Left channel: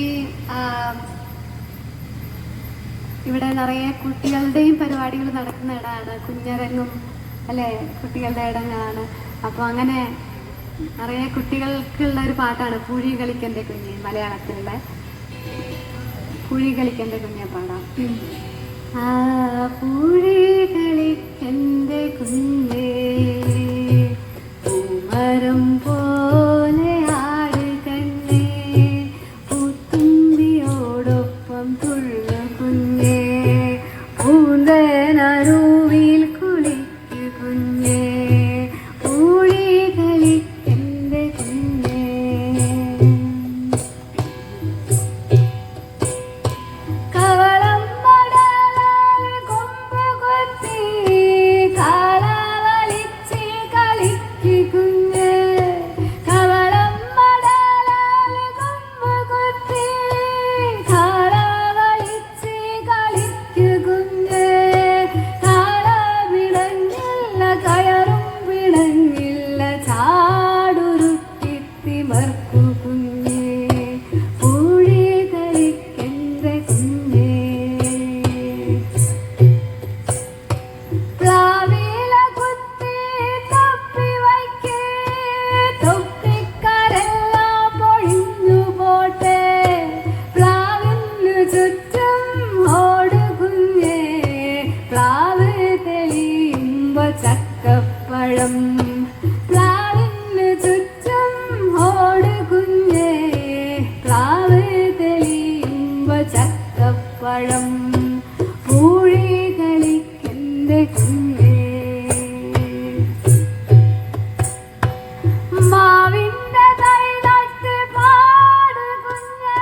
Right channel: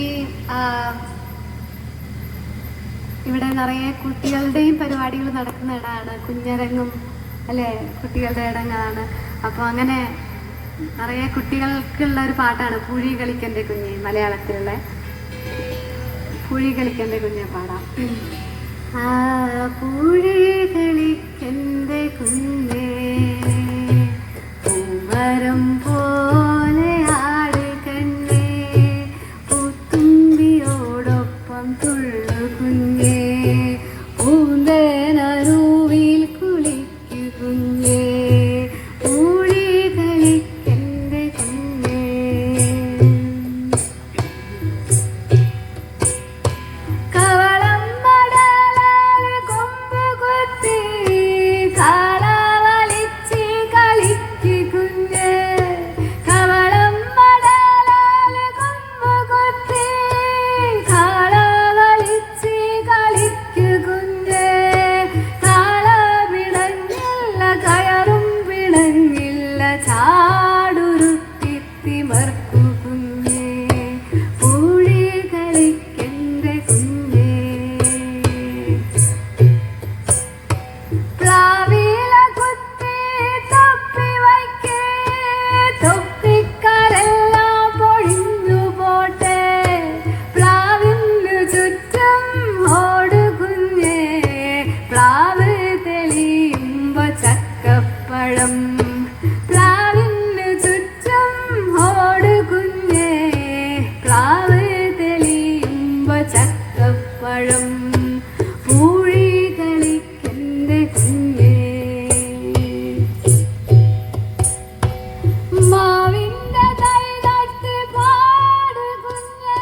ഈ ഇവിടെ നിറയെ കുട്ടികളുടെയും പരിപാടികൾ നടക്കുന്ന ഇടമാണ്, കുഞ്ഞരങ്ങും അല്ലേ, കുട്ടികളുടെ ഇടങ്ങളാണ്. അപ്പോൾ അങ്ങനെ നിറയെ കുട്ടികൾക്കുള്ള ഒരു പാട്ടാണ് പൂഴി കളിക്കൻ്റെ കുഞ്ഞ്, മലയാളത്തിലുള്ള പൂഴി കളിക്കൻ്റെ കുഞ്ഞ് പാടാം. പൂഴി കളിക്കൻ്റെ കുഞ്ഞേ പൂമരം പോലെ ആട് കണ്ണേ, പൂത്തുമ്പിയോടൊപ്പം തുള്ളു കുഞ്ഞേ, പൂന്തനരുവിൽ കുളിക്കു കുഞ്ഞേ, പൂഴി കളിക്കൻ്റെ കുഞ്ഞേ. കവളം മടലാൽ കൊമ്പ് കുത്തി കള വലിച്ച് കളിക്കു കുഞ്ഞേ, കവളം മടലാൽ കൊമ്പ് കുത്തി കള വലിച്ച് കളിക്കു കുഞ്ഞേ, കാള വിളങ്ങില്ല കയറും വിളങ്ങില്ല ചാടുരുട്ടി തിമർക്കു കുഞ്ഞേ, പൂഴി കളിക്കൻ്റെ കുഞ്ഞേ. പ്ലാവില കുത്തി തൊപ്പി വയ്ക്കേ, തൊപ്പിക്കാരെല്ലാം പൊഴിഞ്ഞു പോട്ടെ, പ്ലാവിനു ചുറ്റും ഓടു കുഞ്ഞേ, പ്ലാവ് തെളിയുമ്പോ ചക്കപ്പഴം, പ്ലാവിനു ചുറ്റും ഓടു കുഞ്ഞേ, പ്ലാവ് തെളിയുമ്പോ ചക്കപ്പഴം, പൂഴി കളിക്കൻ്റെ കുഞ്ഞേ. മാവിൻ്റെ തൈ നട്ട് പാട് കുഞ്ഞേ,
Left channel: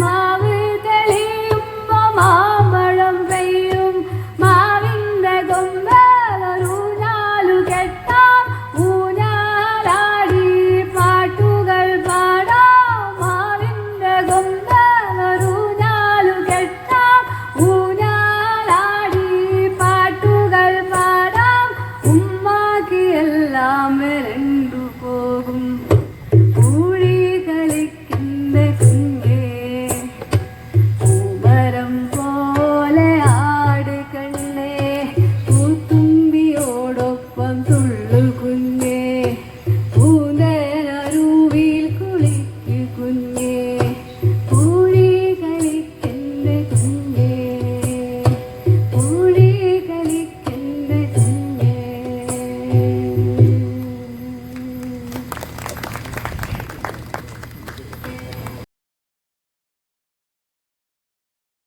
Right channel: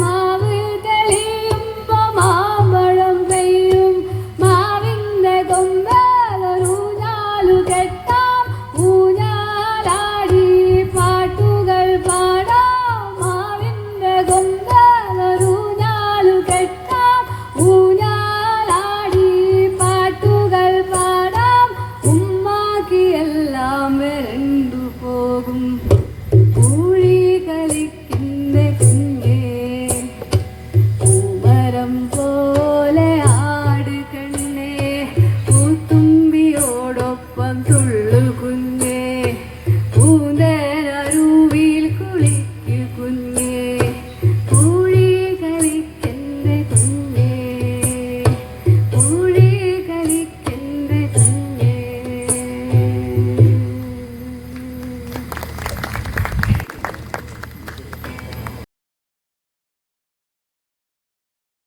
മാവ് തെളിയുമ്പോ മാമ്പഴം പെയ്യും, മാവിൻ്റെ കൊമ്പേലൊരൂഞ്ഞാലു കെട്ടാം, ഊഞ്ഞാലാടി പാട്ടുകൾ പാടാം, മാവിൻ്റെ കൊമ്പേലൊരൂഞ്ഞാലു കെട്ടാം, ഊഞ്ഞാലാടി പാട്ടുകൾ പാടാം,